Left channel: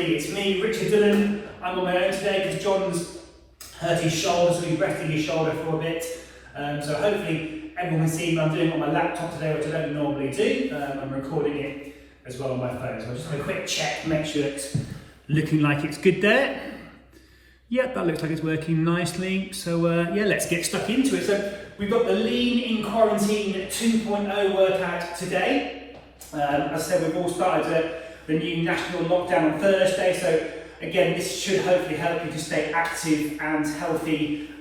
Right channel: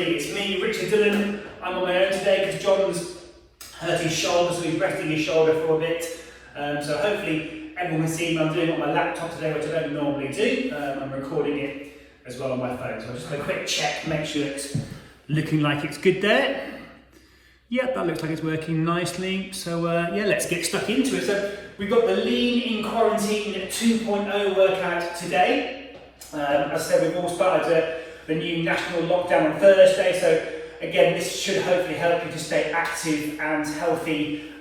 It's me, Richard Dillon. I'm on my own today because John's hurt his shoulder, so he's resting his shoulder for a bit. So hopefully everyone can see me. I'm doing it on my laptop today, which I don't normally do. I'm recording it as well on my phone. So I'll just have a quick check, make sure it's looking like it's good there. Yep, that looks like it's working nicely. So yeah, let's get stuck into it. So we've got the Lean in Quarantine 2.0 workout today. As I said, we've all started the new national lockdown on Thursday. So again, this should hopefully help you to stay active and healthy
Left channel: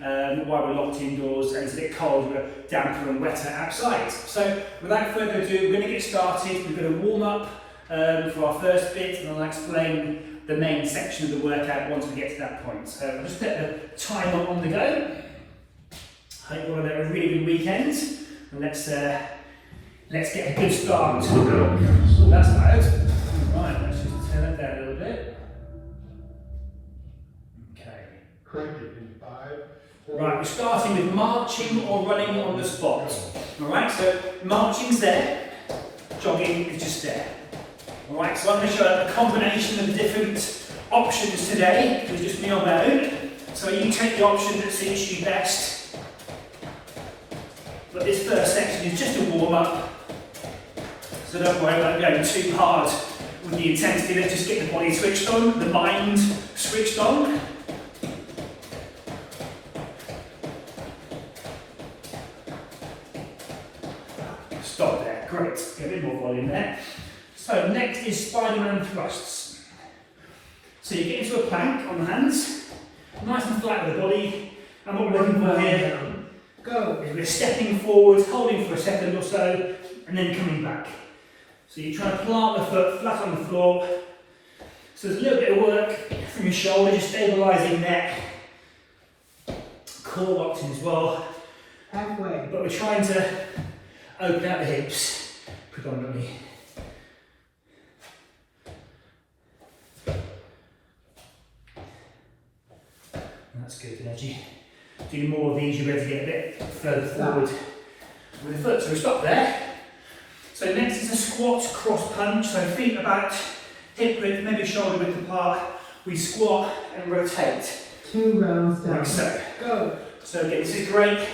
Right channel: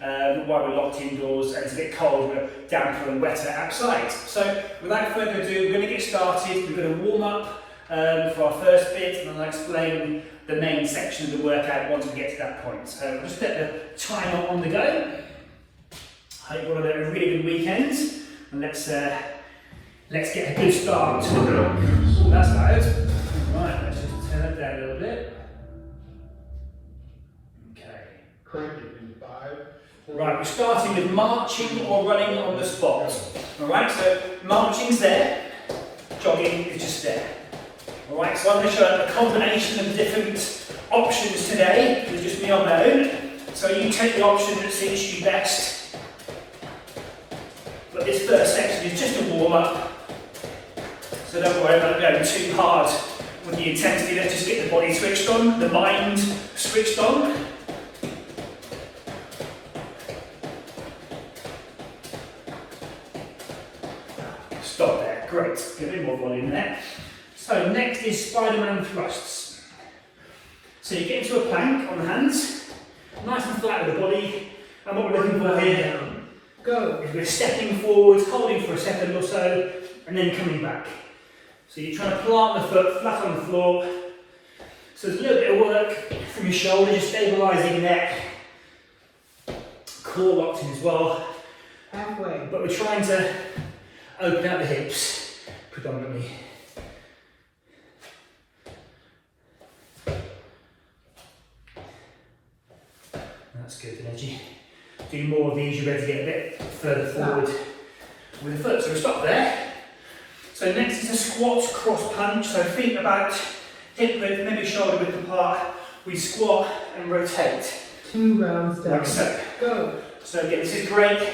while we're locked indoors and it's a bit cold, we're damper and wetter outside. So without further ado, we're going to get started. We're going to warm up for our first bit, and I'll explain the main section of the workout once we get to that point. So I'll just get the timer on the go. Hope you all had a really good weekend, and let's get a good start. Oh, that's loud. Right, let's just turn that down a little bit. Okay. Crank it in 5. Right, we're starting with marching or running on the spot. Alright, so marching's there, jogging is just there. Alright, so I'm going to show a combination of different options today, with just me on my own. So you take the option that suits you best. But this first section is just a warm up. So don't worry about going too hard with the intensity. Let's just get the body switched on, the mind switched on. Stop there, great. Get a bit more volume there. So next is Spider-Man thrusts. So you get into a plank on the hands, nice and flat with the body, and what we're looking for here is we're stepping forwards, holding for a second or so, and then coming back. So you're trying to plant the foot flat on the floor. So there's a little bit of work from your shoulders, stabilising neck, core locked in as well. Halfway. But we're trying to open out the hips predominantly. That's good, energy. Do more of these, you're ready to get a bit further forward with the foot. So we stop there. So next is a squat cross punch. So feet about hip width, maybe shoulder width apart. We squat and rotate. 2 rounds down. Like so. Go. So again, this is great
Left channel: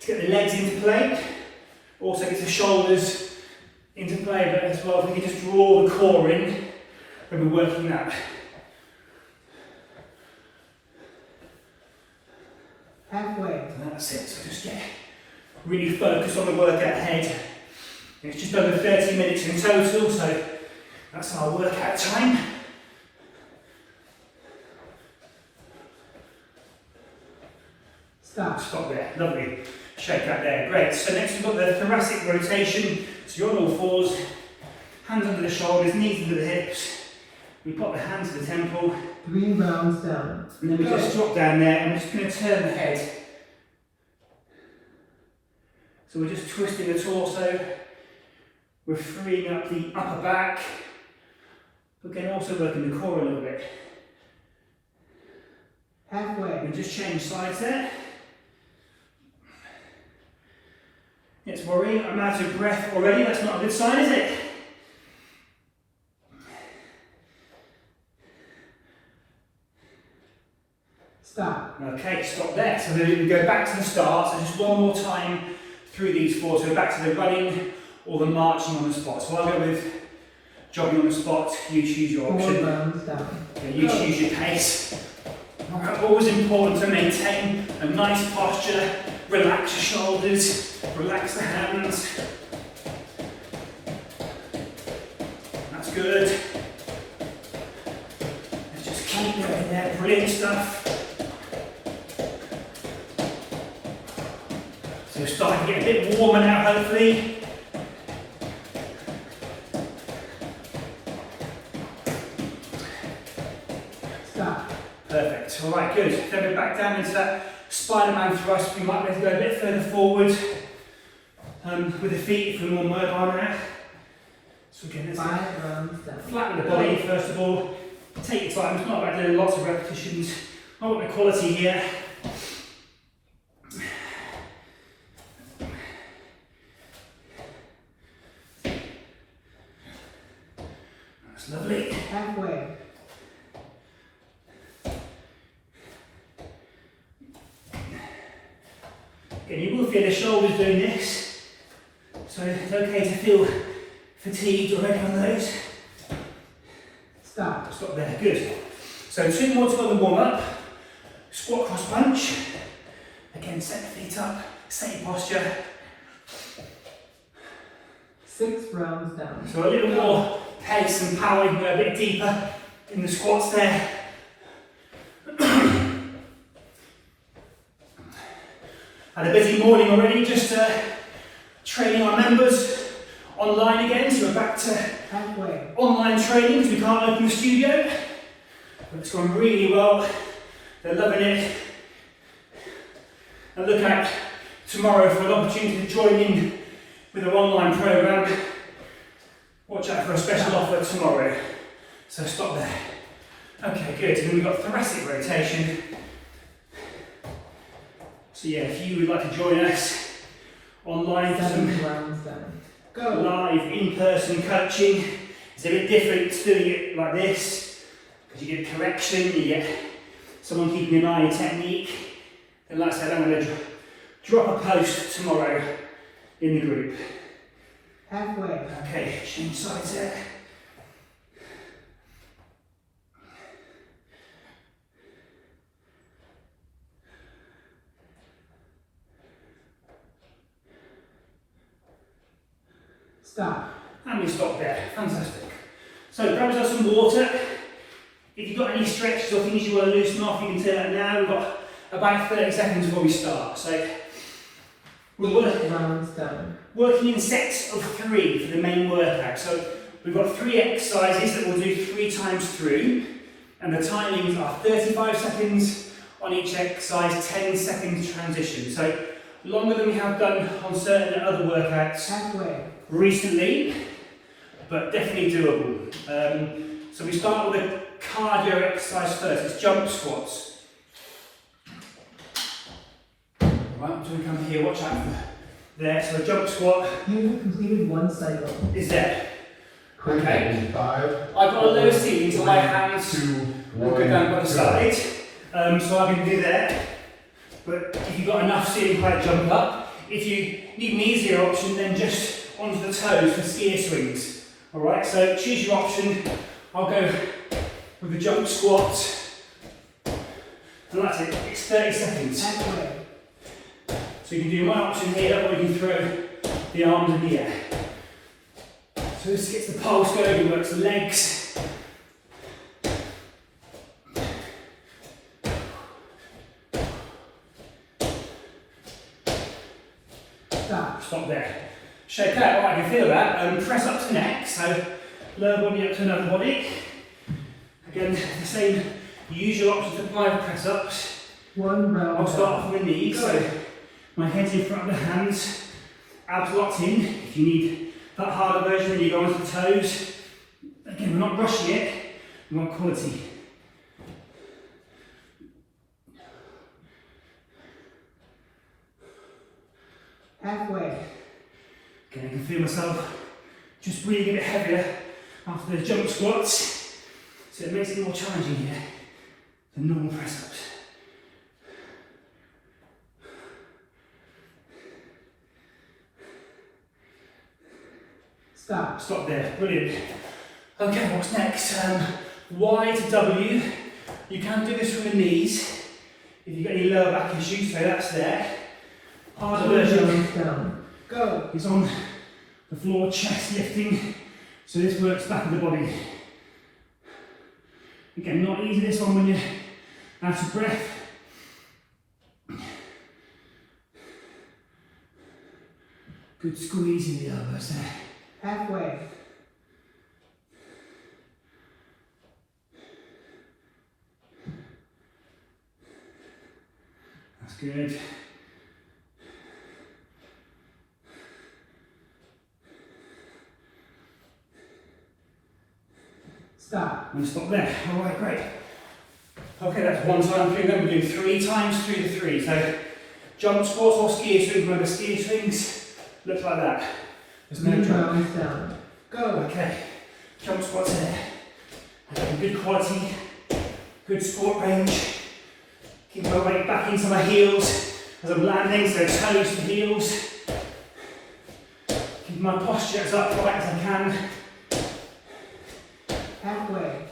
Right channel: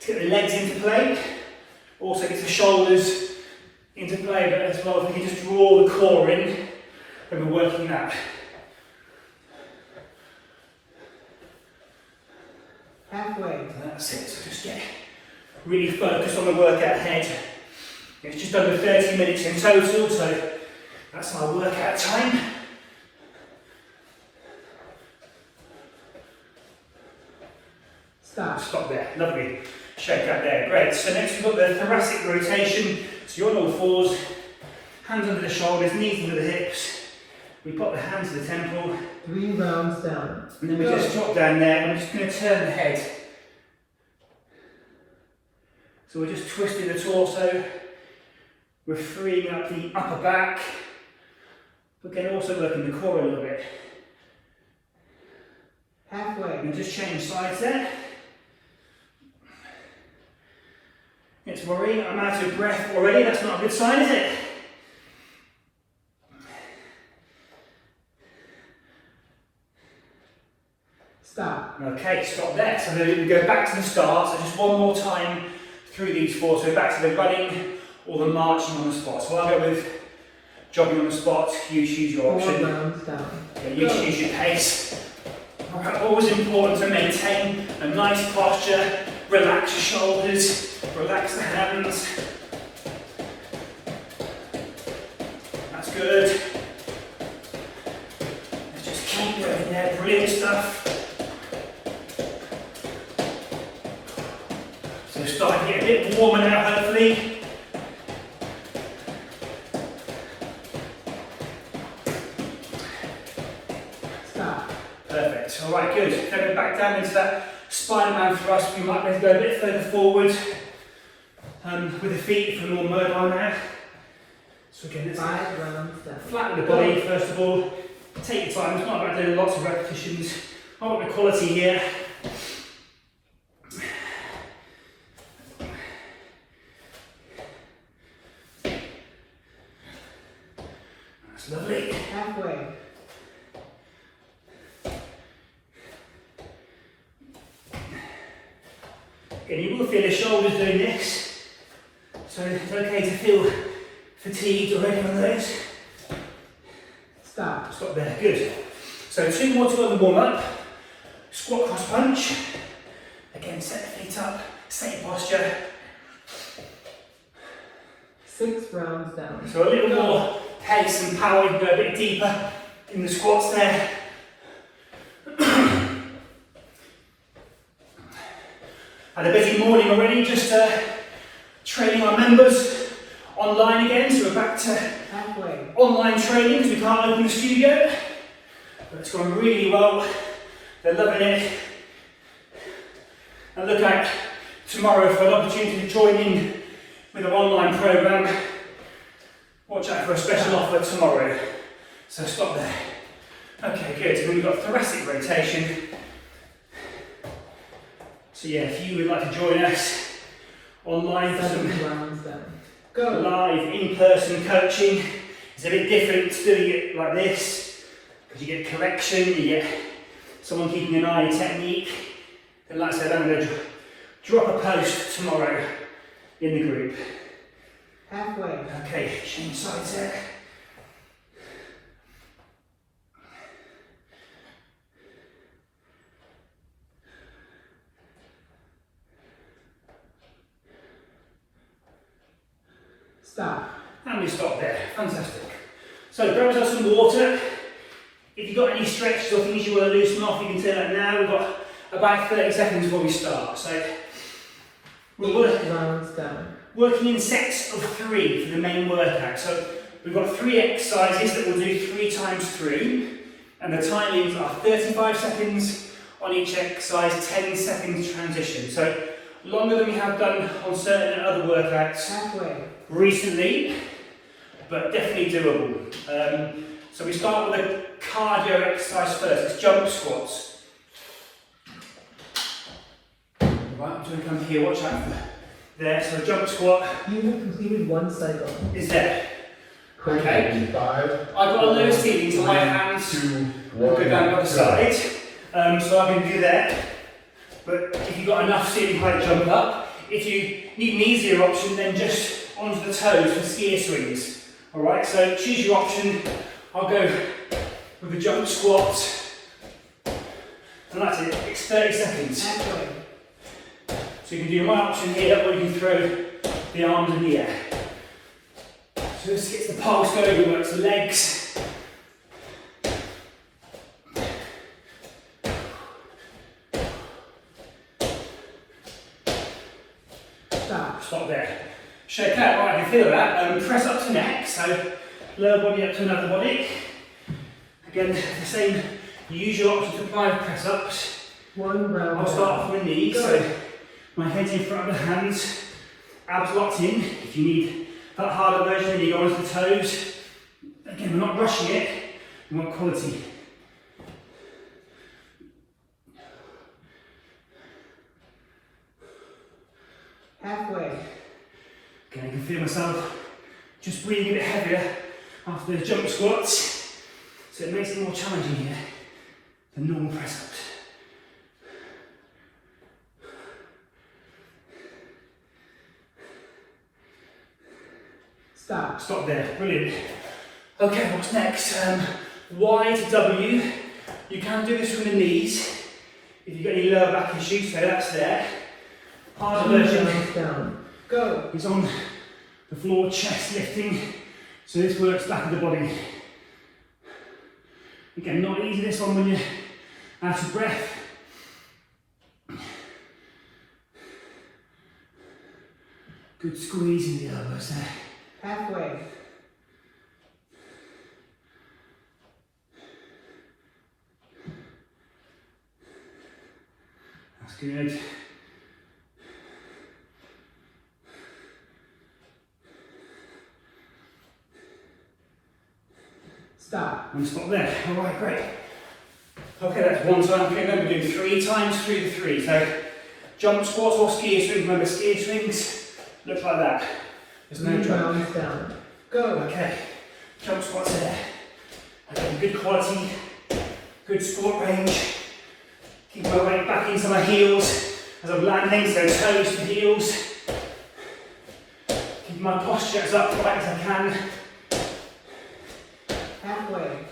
to get the legs into play. Also get the shoulders into play, but as well, if we can just draw the core in when we're working that. Halfway. That's it, so just get really focused on the workout ahead. It's just over 30 minutes in total, so that's our workout time. Stop there, lovely. Shake out there, great. So next we've got the thoracic rotation. So you're on all fours, hands under the shoulders, knees under the hips. We pop the hands to the temple. 3 rounds down. And then we just drop down there and we're just going to turn the head. So we're just twisting the torso. We're freeing up the upper back, but then also working the core a little bit. Halfway. And just change sides there. It's worrying, I'm out of breath already. That's not a good sign, is it? Stop. Okay, stop there. So then we go back to the start. So just one more time through these 4. So back to the running or the marching on the spot. So I'll go with jogging on the spot. You choose your 4 option. rounds down. Okay, you choose your pace. Alright, always important to maintain a nice posture. Relax your shoulders. Relax the hands. That's good. Let's just keep going there. Brilliant stuff. So we're starting to get a bit warmer now, hopefully. Stop. Perfect. All right, good. Then we're back down into that Spider-Man thrust. We might be able to go a bit further forward with the feet if we're more mobile now. So again, let's 5 rounds down. flatten the body first of all. Take your time. It's not about doing lots of repetitions. I want the quality here. That's lovely. Halfway. Again, you will feel the shoulders doing this, so it's okay to feel fatigued already on those. Stop. Stop there, good. So 2 more to go in the warm up. Squat cross punch. Again, set the feet up, same posture. 6 rounds down. So a little more pace and power, you can go a bit deeper in the squats there. Had a busy morning already, just training our members online again, so we're back to Halfway. online training because we can't open the studio. But it's going really well, they're loving it. And look out tomorrow for an opportunity to join in with an online programme. Watch out for a special offer tomorrow. So stop there. Okay, good. And then we've got thoracic rotation. So yeah, if you would like to join us online for 7 some rounds down. Go. live in-person coaching, it's a bit different to doing it like this, because you get correction, you get someone keeping an eye on your technique. And like I said, I'm going to drop a post tomorrow in the group. Halfway. Okay, change sides there. Stop. And we stop there. Fantastic. So grab yourself some water. If you've got any stretches or things you want to loosen off, you can turn that now. We've got about 30 seconds before we start. So we're 8 rounds down. working in sets of 3 for the main workout. So we've got 3 exercises that we'll do 3 times through, and the timings are 35 seconds on each exercise, 10 seconds transition. So longer than we have done on certain other workouts Halfway. recently, but definitely doable. So we start with a cardio exercise first. It's jump squats. Right, I'm going to come here, watch out for there. So a jump squat You have completed 1 cycle. is there. Crank Okay. in 5. I've got a low ceiling, so my hands 2, will 1, go down by the go. side. So I can do that. But if you've got enough ceiling height, jump up. If you need an easier option, then just onto the toes for skier swings. Alright, so choose your option. I'll go with a jump squat. And that's it, it's 30 seconds. Halfway. So you can do my option here, or you can throw the arms in the air. So this gets the pulse going, we work the legs. Stop. Stop there. Shake out, right, I can feel that. Press up to neck, so lower body up to another body. Again, the same usual option to apply with press ups. 1 round I'll start off down. with my knees, so my head's in front of the hands, abs locked in. If you need that harder version, you go onto the toes. Again, we're not rushing it, we want quality. Halfway. Again, I can feel myself just breathing a bit heavier after the jump squats, so it makes it more challenging here than normal press ups. Stop. Stop there, brilliant. Okay, what's next? Y to W. You can do this from the knees. If you've got any lower back issues, so that's there. Harder 2 version rounds down. Go. is on the floor, chest lifting. So this works back of the body. Again, not easy this one when you're out of breath. Good squeeze in the elbows there. Halfway. That's good. Stop. And stop there. All right, great. Okay, that's 1 time through. Then we do 3 times through the 3. So jump squats or skier swings. Remember, skier swings look like that. There's no 3 jump. rounds down. Go. Okay, jump squats there. Again, good quality, good squat range. Keep my weight back into my heels as I'm landing, so toes to heels. Keep my posture as upright as I can. Halfway.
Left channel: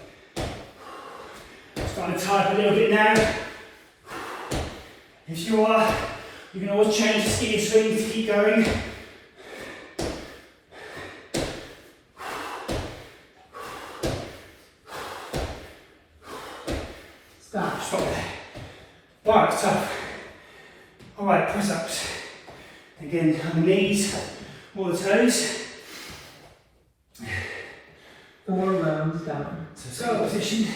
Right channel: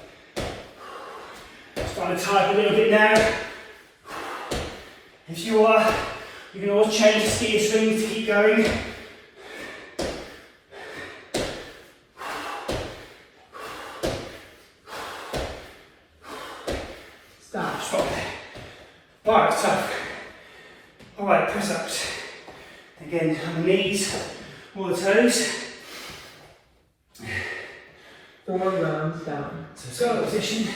Starting to tie up a little bit now. If you are, you can always change the ski swing to keep going. Stop. Stop there. Right, it's tough. Alright, press ups. Again, on the knees, or the toes. 4 rounds down. So go position.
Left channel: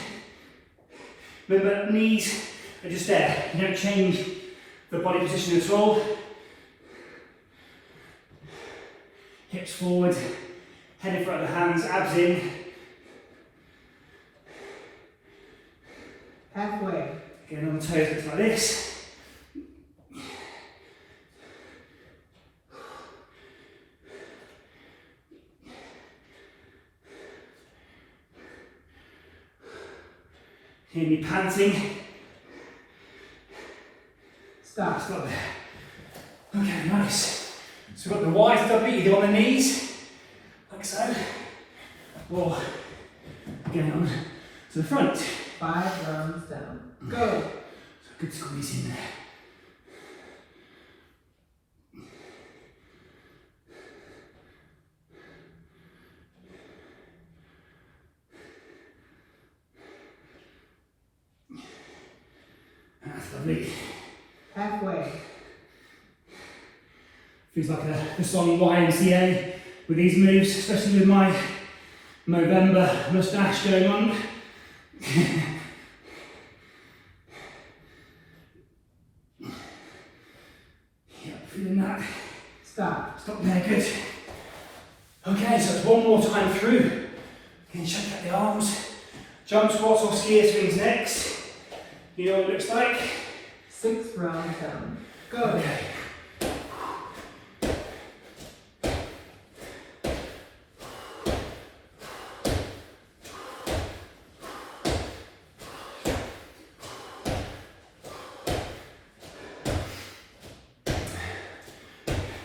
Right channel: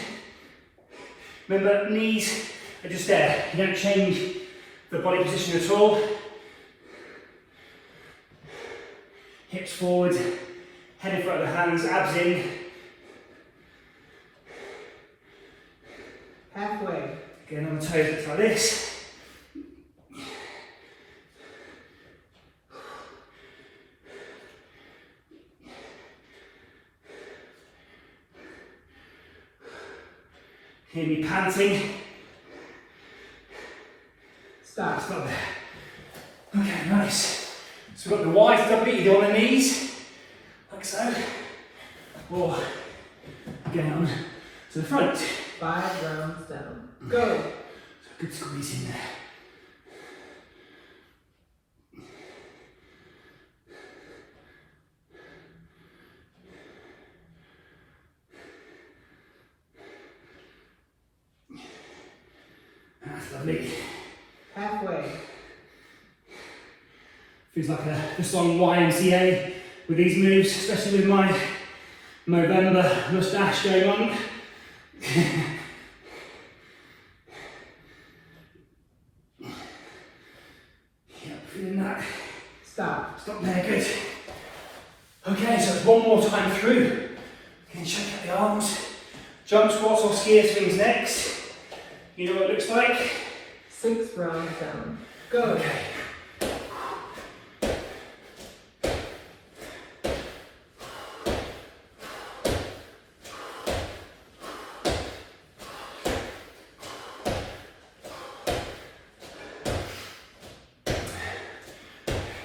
Remember, knees are just there. You don't change the body position at all. Hips forward, head in front of the hands, abs in. Halfway. Again on the toes, it's like this. Hear me panting. Stop. Stop there. Okay, nice. So we've got the YW, either on the knees, like so, or again on to the front. 5 rounds down. Go. Good squeeze in there. That's lovely. Halfway. Feels like the song YMCA with these moves, especially with my November moustache going on. Yep, feeling that. Stop. Stop there, good. Okay, so it's one more time through. You can shake out the arms. Jump squats or skier swings next. You know what it looks like? 6 rounds down. Go. Okay.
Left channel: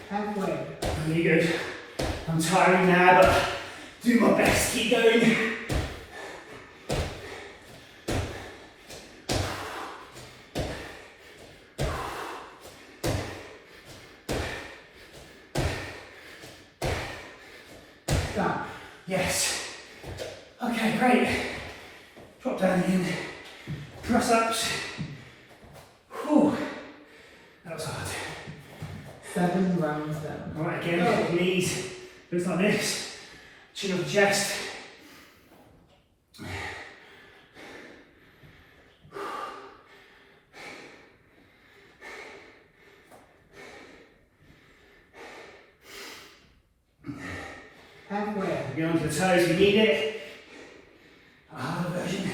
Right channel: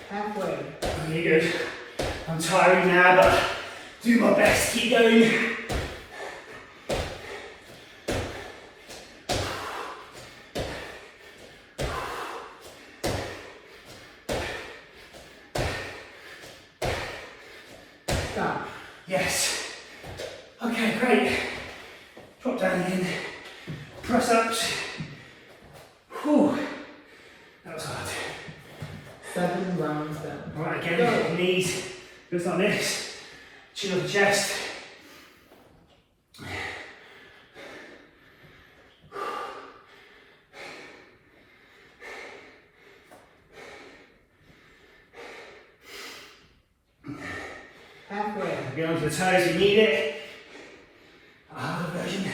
Halfway. Really good. I'm tiring now, but do my best to keep going. Stop. Yes. Okay, great. Drop down again. Press ups. Whew. That was hard. 7 rounds down. Alright, again, knees. Looks like this. Chin up the chest. Halfway. Go onto the toes if you need it. Harder version.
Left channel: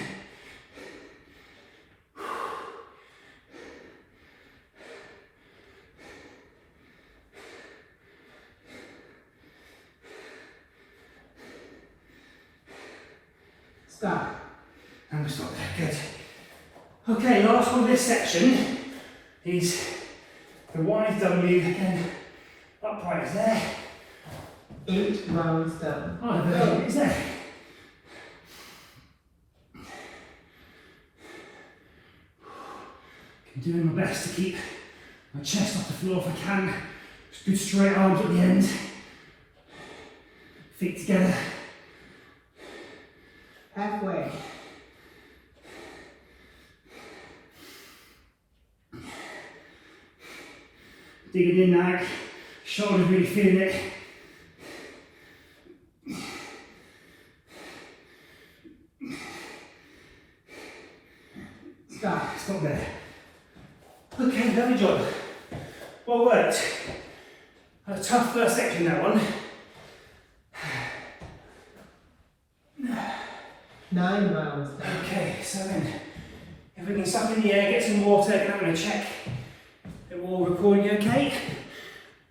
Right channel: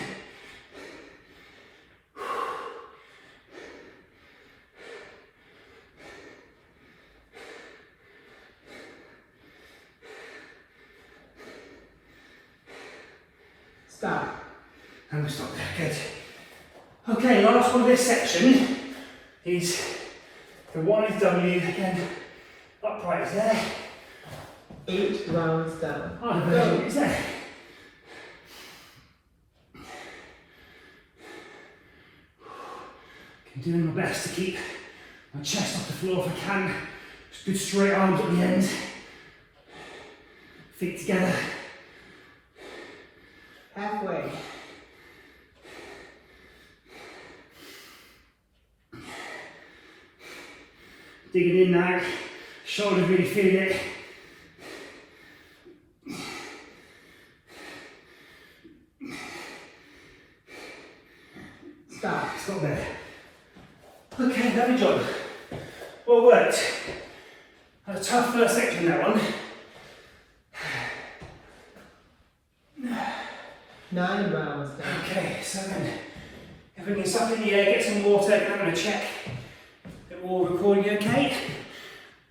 Stop. And we stop there, good. Okay, last one of this section is the YW again. Upright is there. 8 rounds down. Harder version is there. I'm doing my best to keep my chest off the floor if I can. Just good straight arms at the end. Feet together. Halfway. Digging in now. Shoulders really feeling it. Stop. Stop there. Okay, lovely job. Well worked. Had a tough first section, that one. 9 rounds down. Okay, so then, if we can suck in the air, get some water, and I'm going to check that we're all recording okay.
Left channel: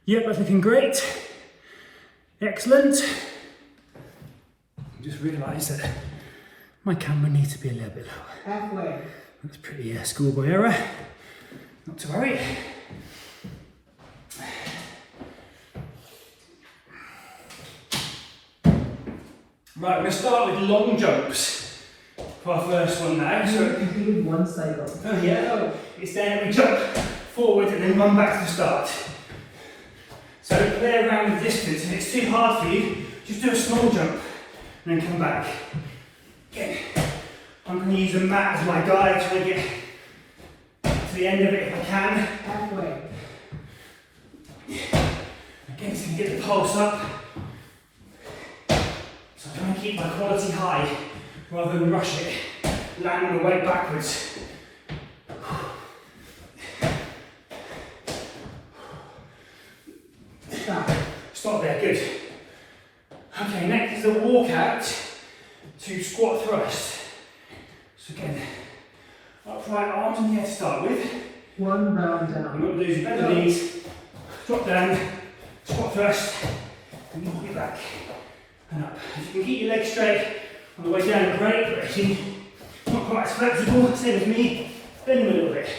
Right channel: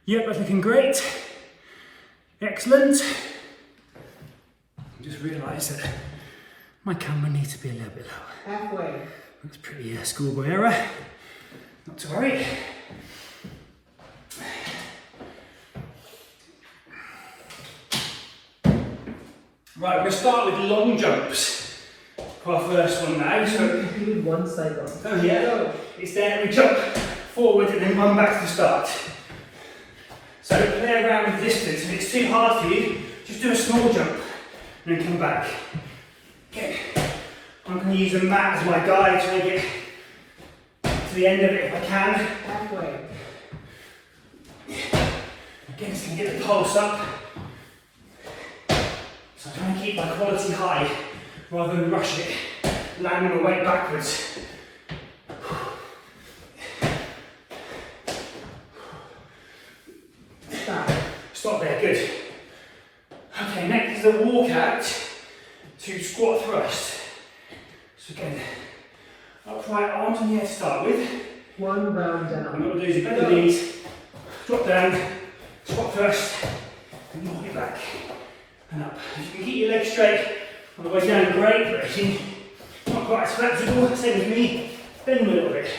Yep, that's looking great. Excellent. I just realised that my camera needs to be a little bit lower. Halfway. Looks pretty schoolboy error. Not to worry. Right, we're going to start with long jumps for our first one now. You So, completed one cycle. oh yeah, it's then we jump forward and then run back to the start. So play around with distance. If it's too hard for you, just do a small jump and then come back. Okay, I'm going to use a mat as my guide to make it to the end of it if I can. Halfway. Again, just going to get the pulse up. So I'm trying to keep my quality high rather than rush it, landing the weight backwards. Stop. Stop there, good. Okay, next is a walkout to squat thrust. So again, upright arms in the air to start with. One round And down. what we'll do is bend the knees, drop down, squat thrust, and walk it back and up. If you can keep your legs straight on the way down, great, but if you're not quite as flexible, same as me, bend them a little bit.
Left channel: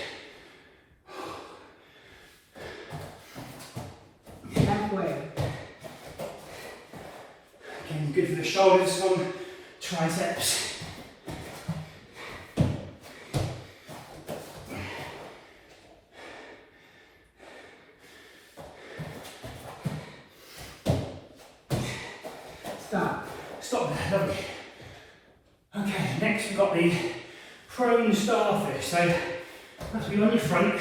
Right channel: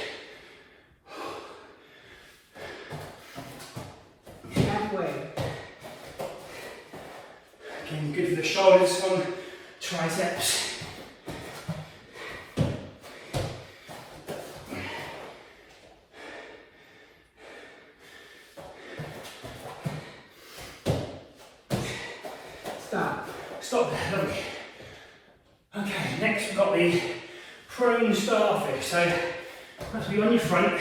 Halfway. Again, good for the shoulders, one, triceps. Stop. Stop there, lovely. Okay, next we've got the prone starfish. So that's be on your front,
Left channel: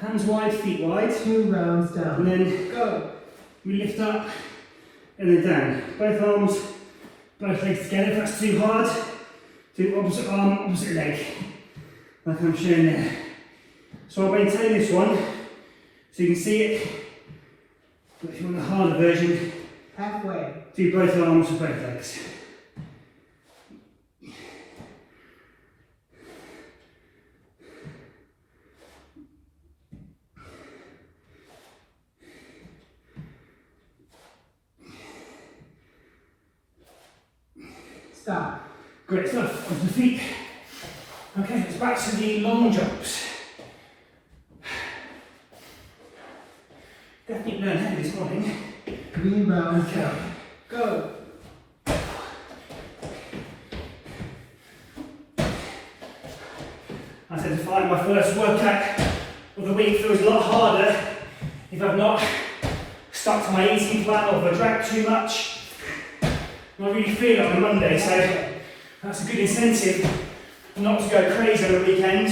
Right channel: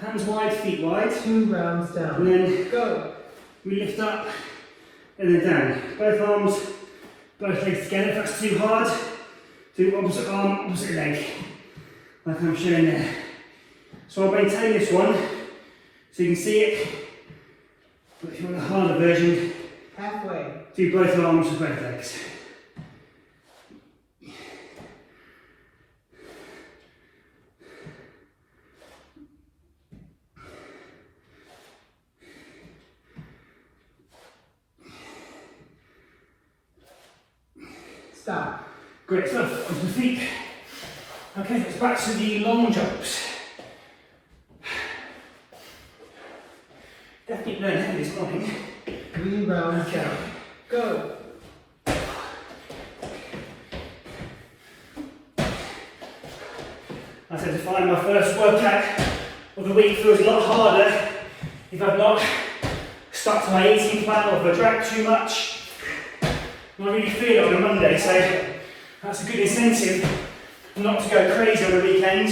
hands wide, feet wide, Two rounds and down. then Go. we lift up and then down. Both arms, both legs together. If that's too hard, do opposite arm, opposite leg, like I'm showing there. So I'll maintain this one so you can see it, but if you want a harder version, Halfway. do both arms and both legs. Stop. Great stuff, onto the feet. Okay, let's back to the long jumps. Definitely learned heavy this morning. Three rounds down. Go. I tend to find my first workout of the week feels a lot harder if I've not stuck to my eating plan or if I drank too much. And I really feel it on a Monday, so that's a good incentive not to go crazy on the weekend.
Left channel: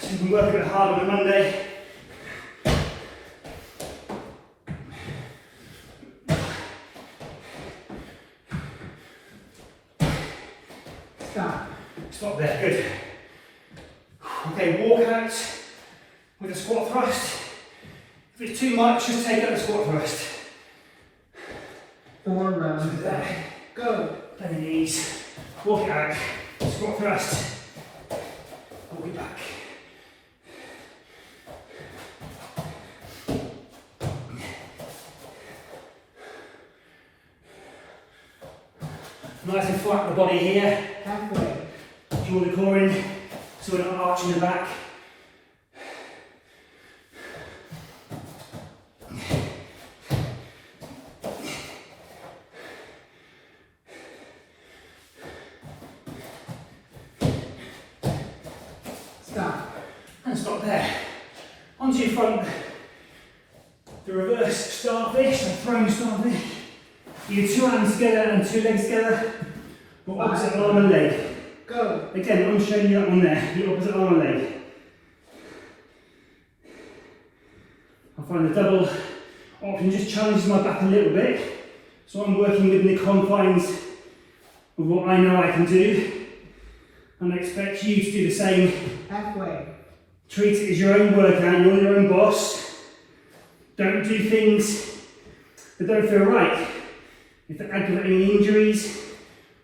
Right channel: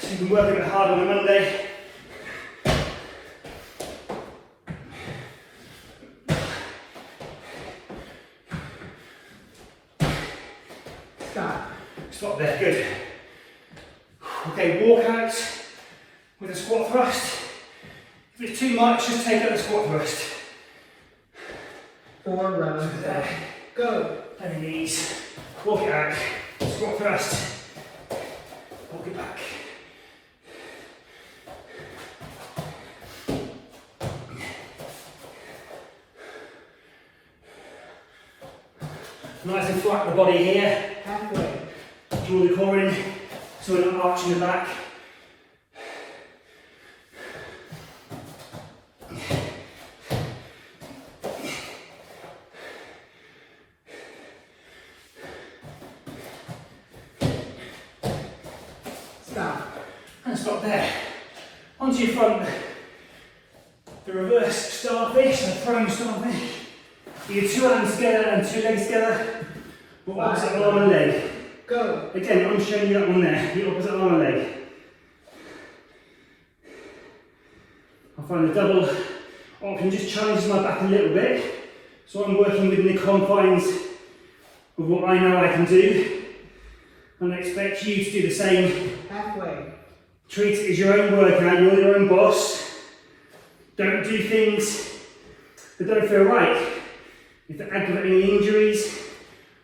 So you can work a bit harder on a Monday. Stop. Stop there, good. Okay, walk out with a squat thrust. If it's too much, just take out the squat thrust. Four rounds down. There. Go. Bend the knees, walk it out, squat thrust, walk it back. Nice and flat the body here. Halfway. Draw the core in so we're not arching the back. Stop. And stop there. Onto your front. The reverse starfish, the prone starfish. Your two hands together and two legs together. But opposite arm and leg. Go. Again, I'm showing you that one there, the opposite arm and leg. I find the double option just challenges my back a little bit. So I'm working within the confines of what I know I can do. And I expect you to do the same. Halfway. Treat it as your own workout, you're your own boss. Don't do things that don't feel right. If they're aggravating injuries,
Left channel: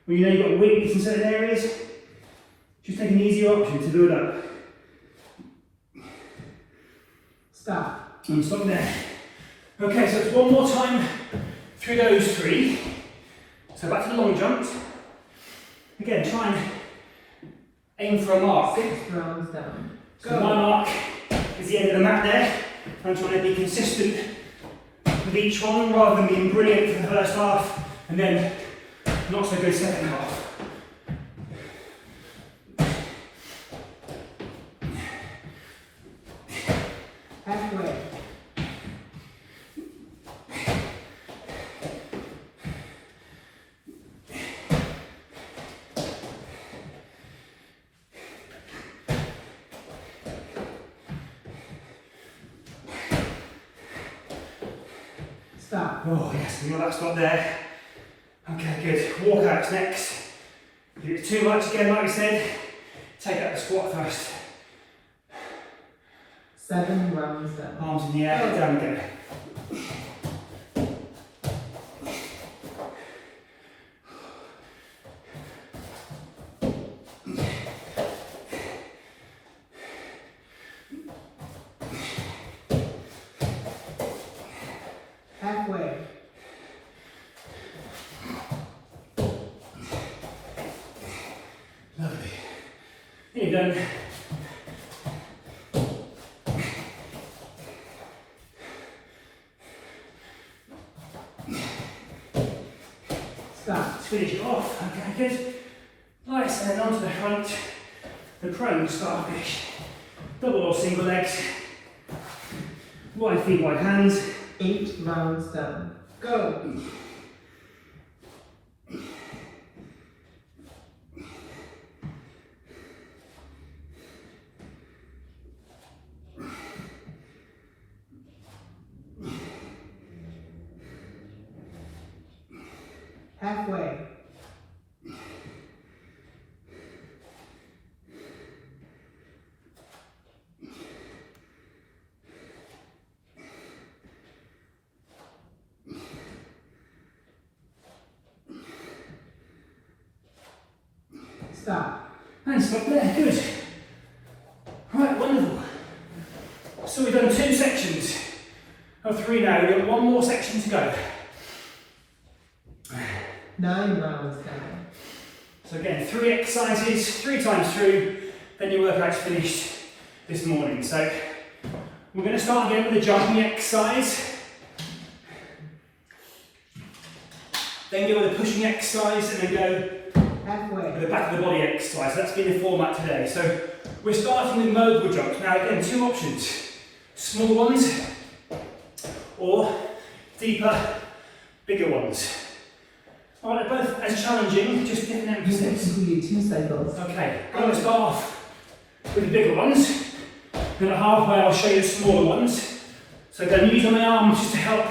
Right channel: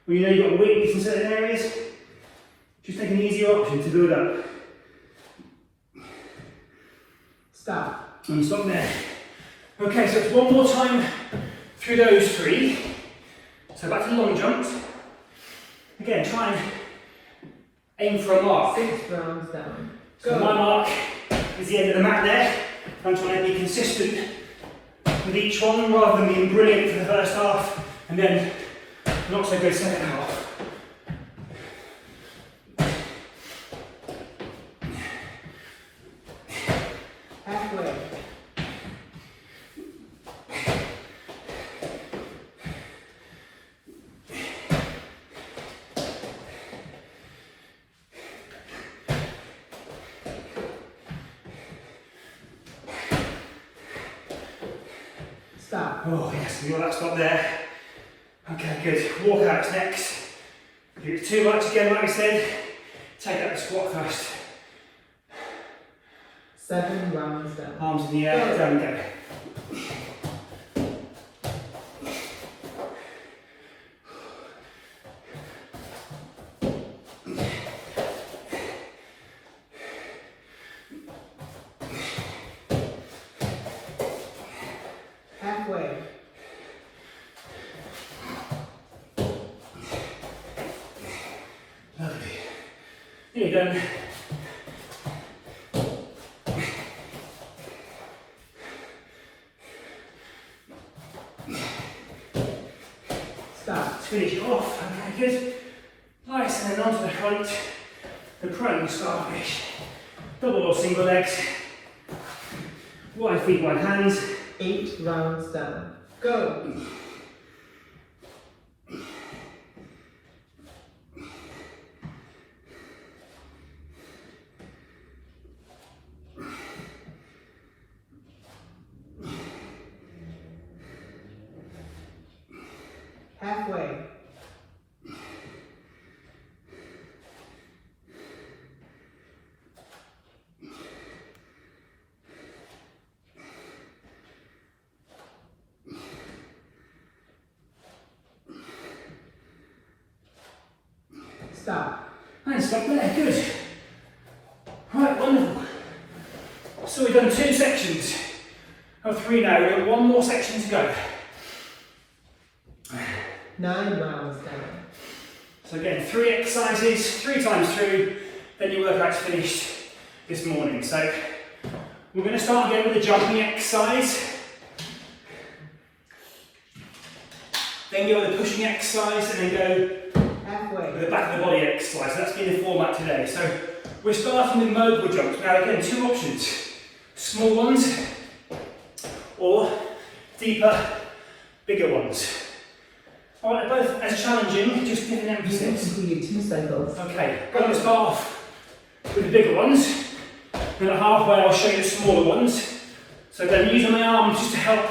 or you know you've got weakness in certain areas, just take an easier option to build up. Stop. And stop there. Okay, so it's one more time through those three. So back to the long jumps. Again, try and Aim for a mark. 6 rounds down. So my mark is the end of the mat there. I'm trying to be consistent with each one rather than being brilliant for the first half and then not so good second half. Halfway. Stop. Oh yes, we got that stop there. Okay, good. Walkouts next. If it's too much again, like we said, take out the squat first. 7 rounds down. Arms in the air, down we go. Halfway. Lovely. Here you go. Stop. Let's finish it off. Okay, good. Nice, and then onto the front. The prone starfish. Double or single legs. Wide feet, wide hands. 8 rounds down. Go. Halfway. Stop. And stop there, good. Right, wonderful. So we've done 2 sections of 3 now. We've got 1 more section to go. 9 rounds down. So again, 3 exercises, 3 times through, then your workout's finished this morning. So we're going to start again with a jumping exercise. Then go with a pushing exercise and then go Halfway. with the back of the body exercise. That's been the format today. So we're starting with mogul jumps. Now again, 2 options. Small ones or deeper, bigger ones. Alright, they're both as challenging, just different emphasis. Completed 2 cycles. Okay, I'm going to start off with the bigger ones. And at halfway I'll show you the smaller ones. So then use my arms just to help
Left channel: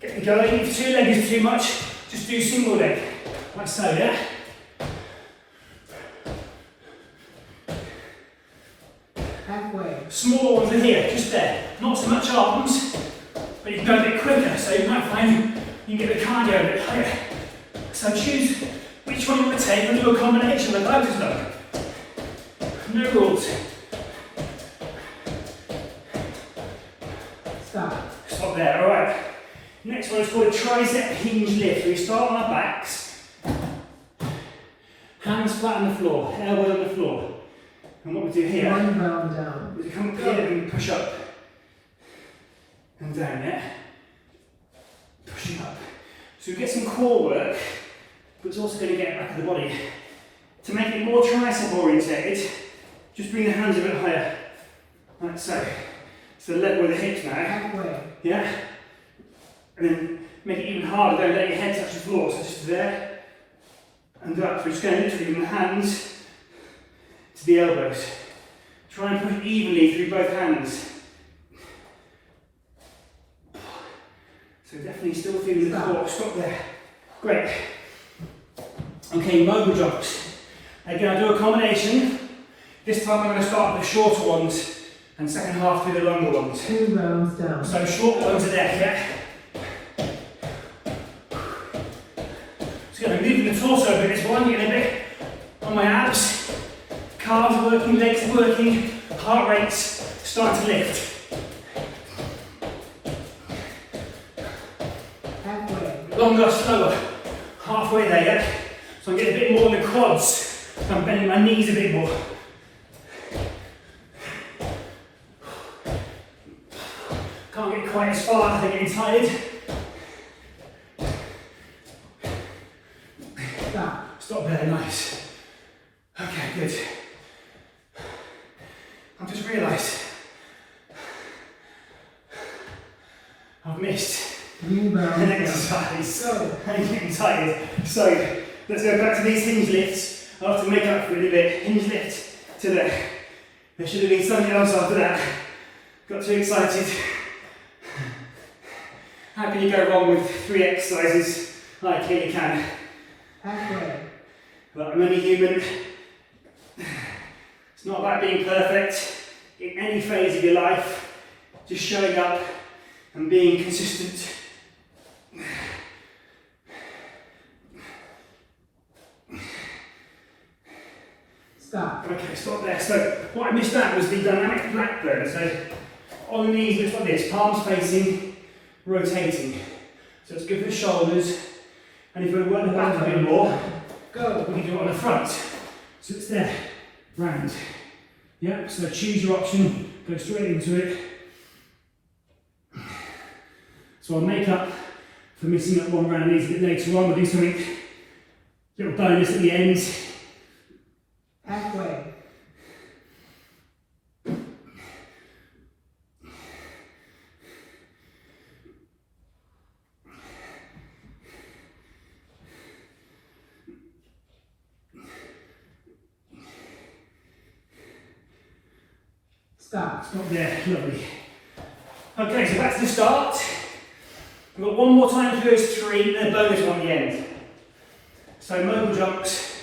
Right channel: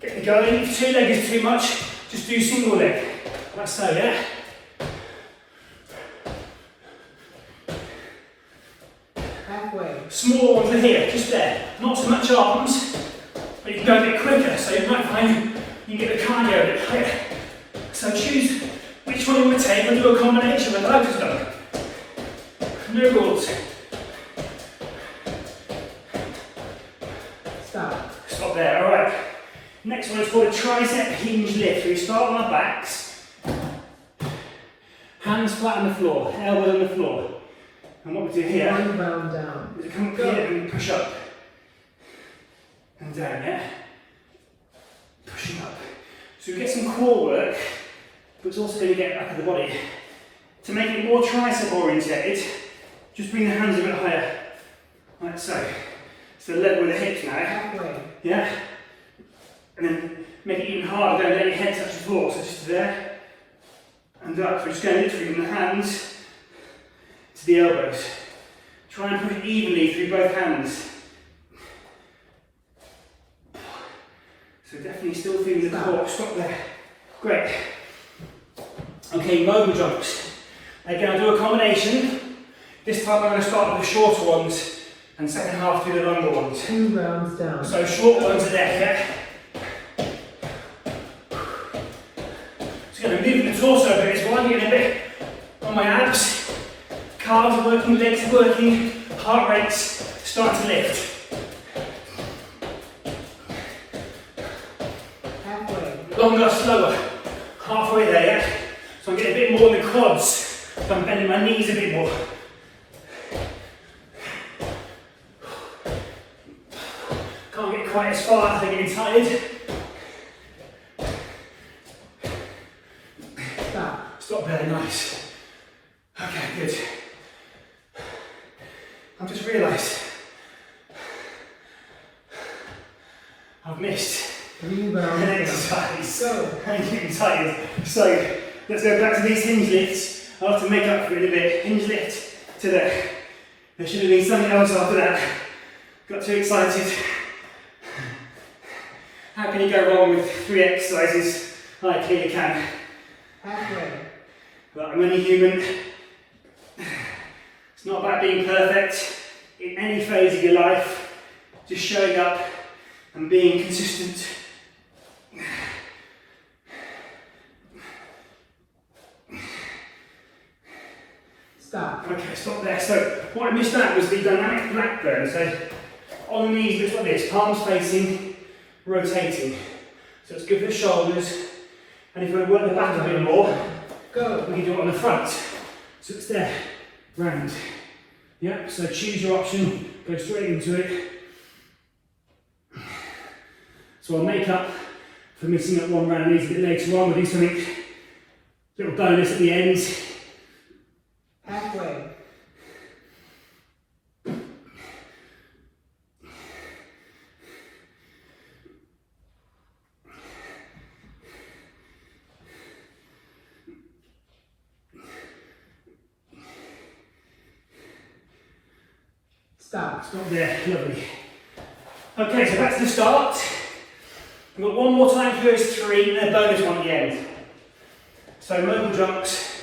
get me going. If 2 legs is too much, just do single leg. Like so, yeah? Halfway. Smaller ones are here, just there. Not so much arms, but you can go a bit quicker, so you might find you can get the cardio a bit higher. So choose which one you want to take and do a combination with both of them. No rules. Stop. Stop there, alright. Next one is called a tricep hinge lift. So we start on our backs. Hands flat on the floor, elbows on the floor. And what we do here 1 round down. is we come up here and we push up. And down, yeah? Pushing up. So we get some core work, but it's also going to get back of the body. To make it more tricep orientated, just bring the hands a bit higher, like so. So level with the hips now, Halfway. yeah? And then make it even harder, don't let your head touch the floor, so just there and up. So we're just going literally from the hands to the elbows. Try and push evenly through both hands. So definitely still feeling the core. Stop there. Great. Okay, mogul jumps. Again, I'll do a combination. This time I'm going to start with the shorter ones and second half do the longer ones. 2 rounds down. So short ones are there, yeah? Just going to move the torso a bit as well. I'm getting a bit on my abs. Calves are working, legs are working, heart rate's starting to lift. Halfway. Longer, slower. Halfway there, yeah? So I'm getting a bit more in the quads So I'm bending my knees a bit more. Can't get quite as far, I'm getting tired. Stop. Stop there, nice. Okay, good. I've just realised I've missed 3 an rounds down. exercise. Go. I'm getting tired. So let's go back to these hinge lifts. I'll have to make up for it a bit. Hinge lift to there. There should have been something else after that. Got too excited. How can you go wrong with 3 exercises? I clearly can. Halfway. But I'm only human. It's not about being perfect in any phase of your life. Just showing up and being consistent. Stop. Okay, stop there. So what I missed out was the dynamic Blackburn. So on the knees, looks like this, palms facing, rotating. So it's good for the shoulders. And if you want to work the back a bit more, Go. we can do it on the front. So it's there, round. Yep, so choose your option, go straight into it. So I'll make up for missing up one round these a bit later on. We'll do something, little bonus at the end. Halfway. Stop. Stop there, lovely. Okay, so back to the start. We've got one more time for those 3 and a bonus one at the end. So mobile jumps.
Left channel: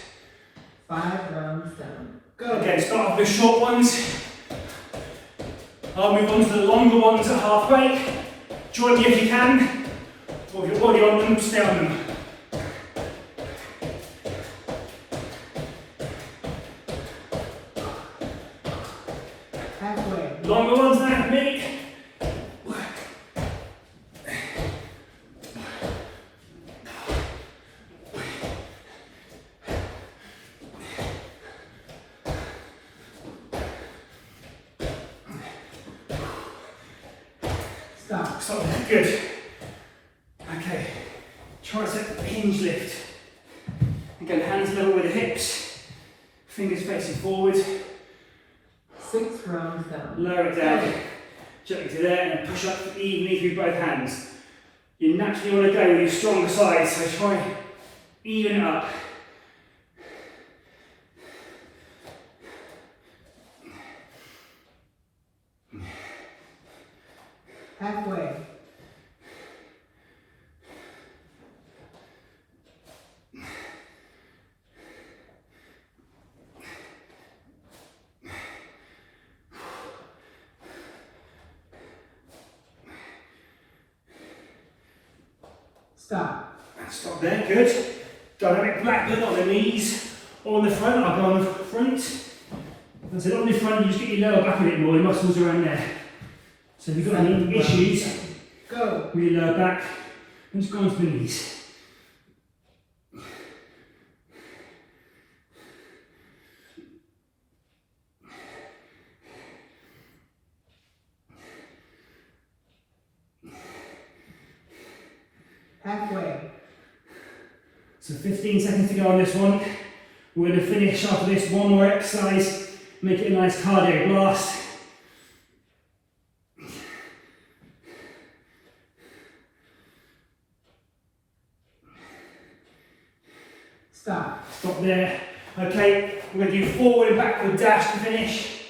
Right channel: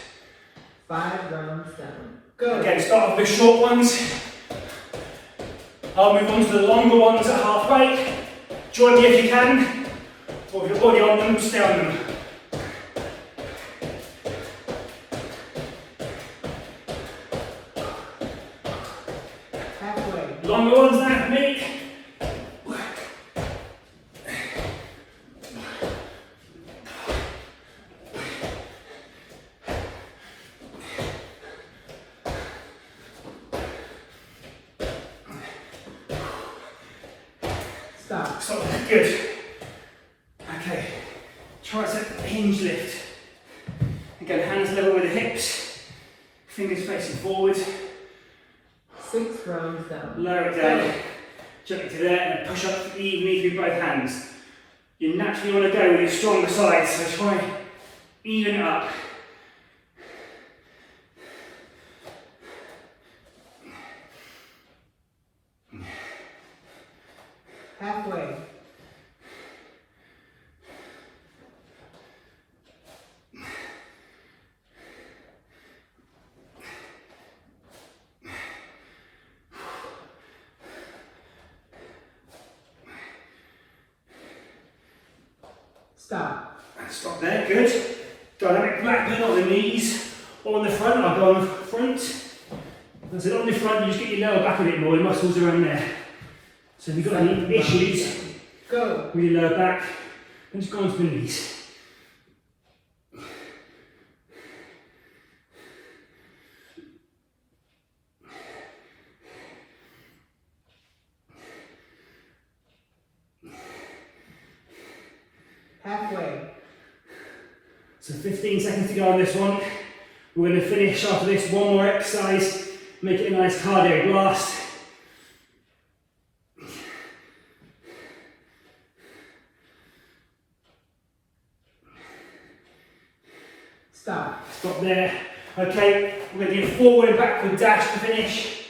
5 rounds down. Go. Okay, start off with short ones. I'll move on to the longer ones at halfway. Join me if you can, or if you're already on them, stay on them. Halfway. Longer ones now for me. Stop. So good. Okay. Tricep hinge lift. Again, hands level with the hips. Fingers facing forward. 6 rounds down. Lower it down. Gently to there and push up evenly through both hands. You naturally want to go with your stronger side, so try even it up. Halfway. Stop. Stop there, good. Dynamic Blackburn on the knees, or on the front. I'll go on the front. And so on the front, you just get your lower back a bit more, your muscles around there. So if you've got any issues Go. with your lower back, then just go onto the knees. Halfway. So 15 seconds to go on this one. We're going to finish after this one more exercise, make it a nice cardio blast. Stop. Stop there. Okay, we're going to do forward and backward dash to finish.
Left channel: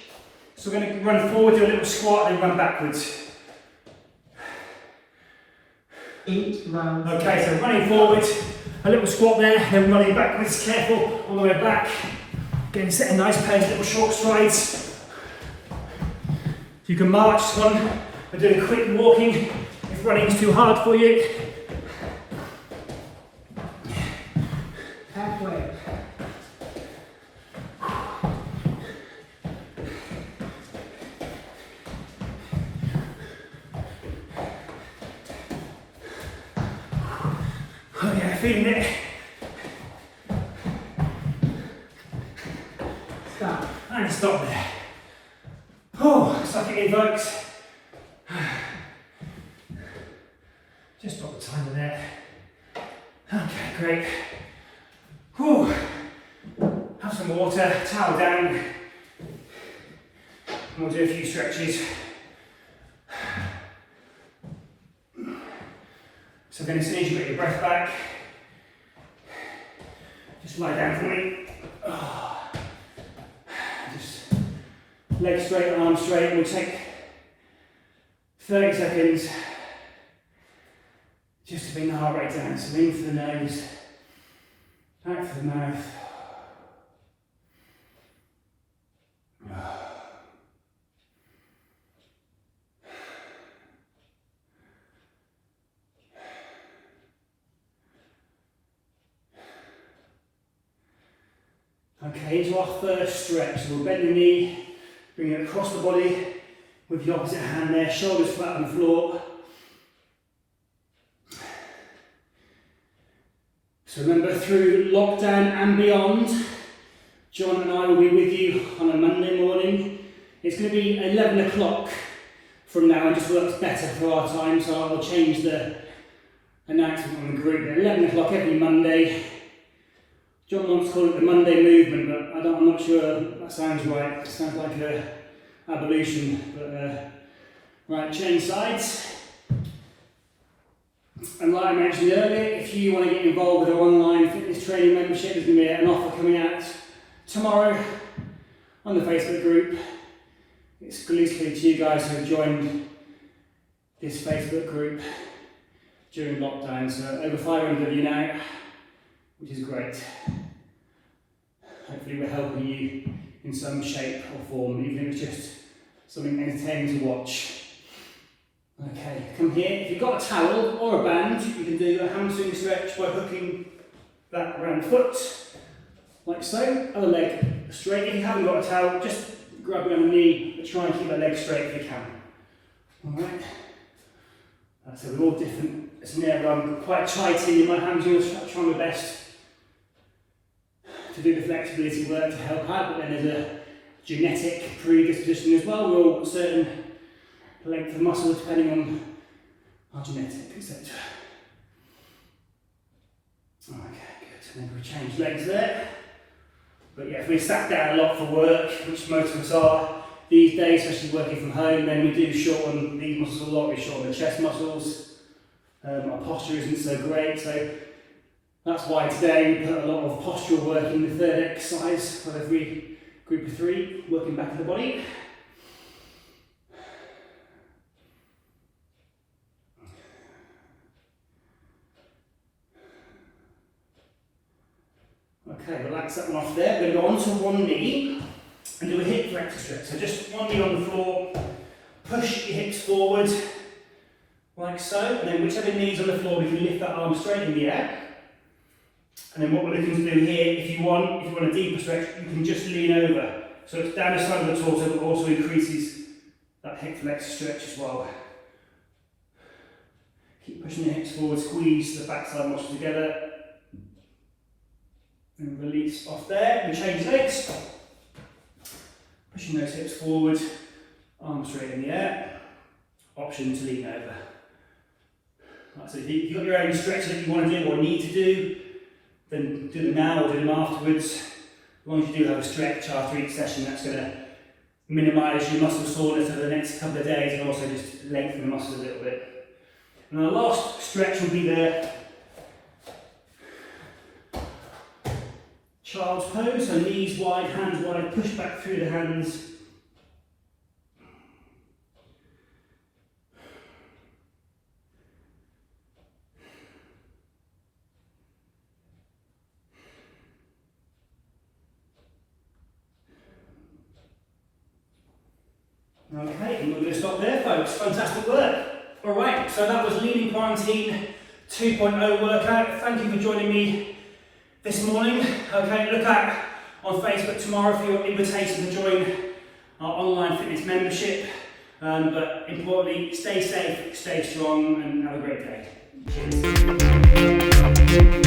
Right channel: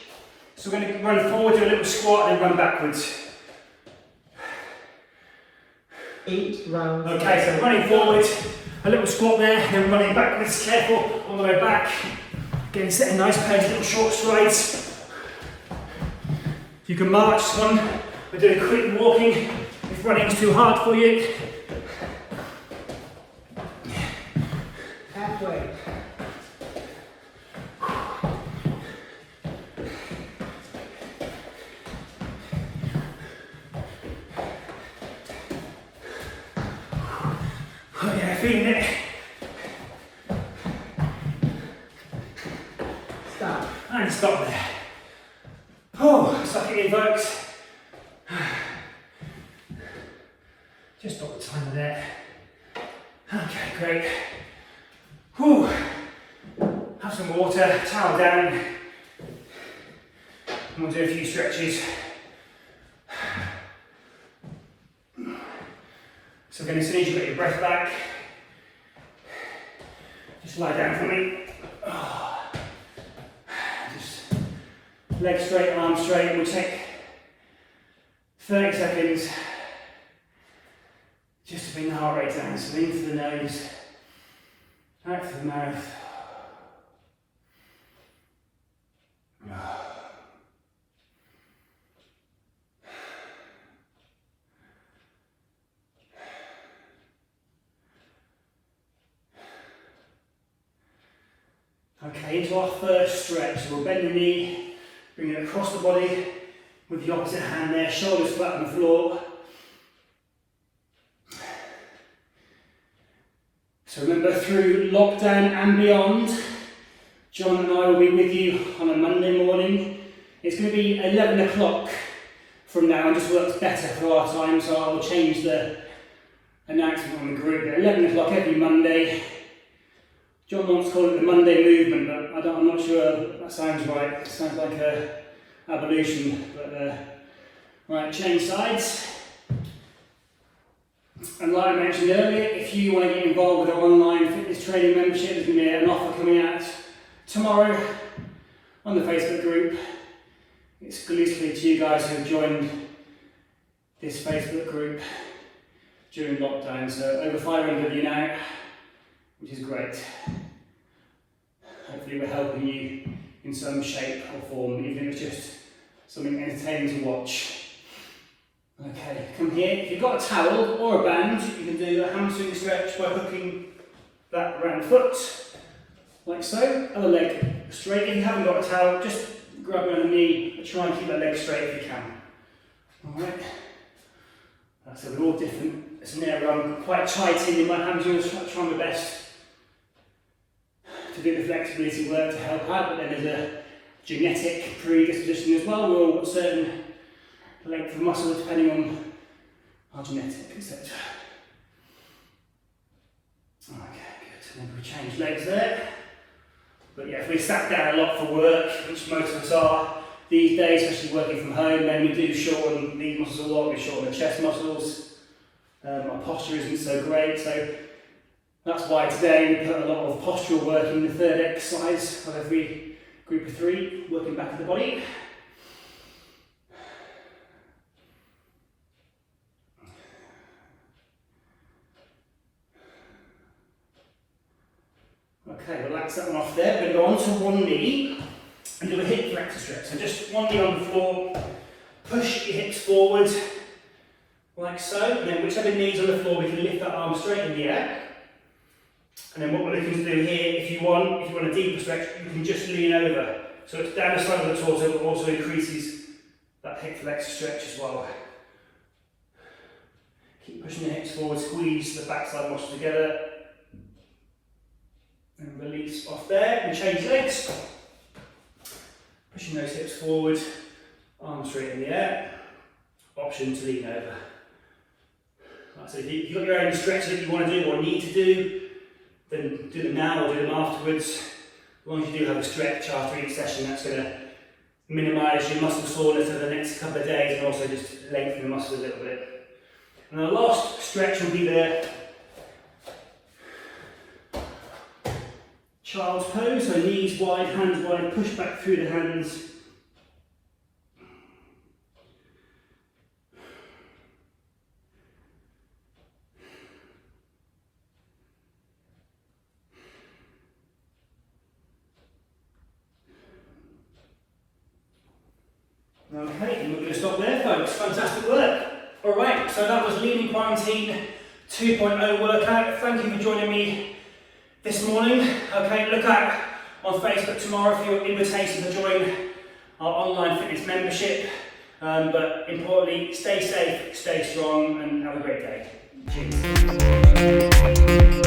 So we're going to run forward, do a little squat, and then run backwards. 8 rounds. Okay, so running forward, a little squat there, then running backwards, careful on the way back. Again, set a nice pace, little short strides. You can march this one, or do a quick walking if running's too hard for you. Halfway. Oh yeah, feeling it. And stop there. Oh, it's like it invokes. Just stop the timer there. Okay, great. Whew. Have some water, towel down. And we'll do a few stretches. So then as soon as you get your breath back, just lie down for me. Just legs straight, arms straight. We'll take 30 seconds just to bring the heart rate down. So in through the nose, out through the mouth. Okay, into our first stretch. So we'll bend the knee, bring it across the body with the opposite hand there, shoulders flat on the floor. So remember, through lockdown and beyond, John and I will be with you on a Monday morning. It's going to be 11 o'clock from now, it just works better for our time, so I'll change the announcement on the group. 11 o'clock every Monday. John wants to call it the Monday movement, but I'm not sure that sounds right. It sounds like an evolution, but right, change sides. And like I mentioned earlier, if you want to get involved with our online fitness training membership, there's going to be an offer coming out tomorrow on the Facebook group, exclusively to you guys who have joined this Facebook group during lockdown. So over 500 of you now, which is great. Hopefully we're helping you in some shape or form, even if it's just something entertaining to watch. Okay, come here. If you've got a towel or a band, you can do a hamstring stretch by hooking that around the foot, like so. Other leg straight. If you haven't got a towel, just grab it on the knee, but try and keep the leg straight if you can. Alright. So we're all different. It's now I'm quite tight in my hands, I'm trying my best to do the flexibility work to help out, but then there's a genetic predisposition as well. We're all got certain length of muscle depending on our genetic, etc. Okay, good. And then we change legs there. But yeah, if we sat down a lot for work, which most of us are these days, especially working from home, then we do shorten these muscles a lot. We shorten the chest muscles. Our posture isn't so great, so that's why today we put a lot of postural work in the third exercise of every group of 3, working back of the body. Okay, relax that one off there. We're going to go onto one knee and do a hip flexor stretch. So just one knee on the floor, push your hips forward, like so, and then whichever knee's on the floor, we can lift that arm straight in the air. And then what we're looking to do here, if you want a deeper stretch, you can just lean over. So it's down the side of the torso, but also increases that hip flexor stretch as well. Keep pushing the hips forward, squeeze the backside muscles together. And release off there, and change legs. Pushing those hips forward, arms straight in the air. Option to lean over. Right, so if you've got your own stretches that you want to do or need to do, then do them now or do them afterwards. As long as you do have a stretch after each session, that's going to minimise your muscle soreness over the next couple of days and also just lengthen the muscle a little bit. And the last stretch will be the child's pose, so knees wide, hands wide, push back through the hands. Okay, and we're going to stop there, folks. Fantastic work. Alright, so that was Lean in Quarantine 2.0 workout. Thank you for joining me this morning. Okay, look out on Facebook tomorrow for your invitation to join our online fitness membership. But importantly, stay safe, stay strong, and have a great day. Cheers.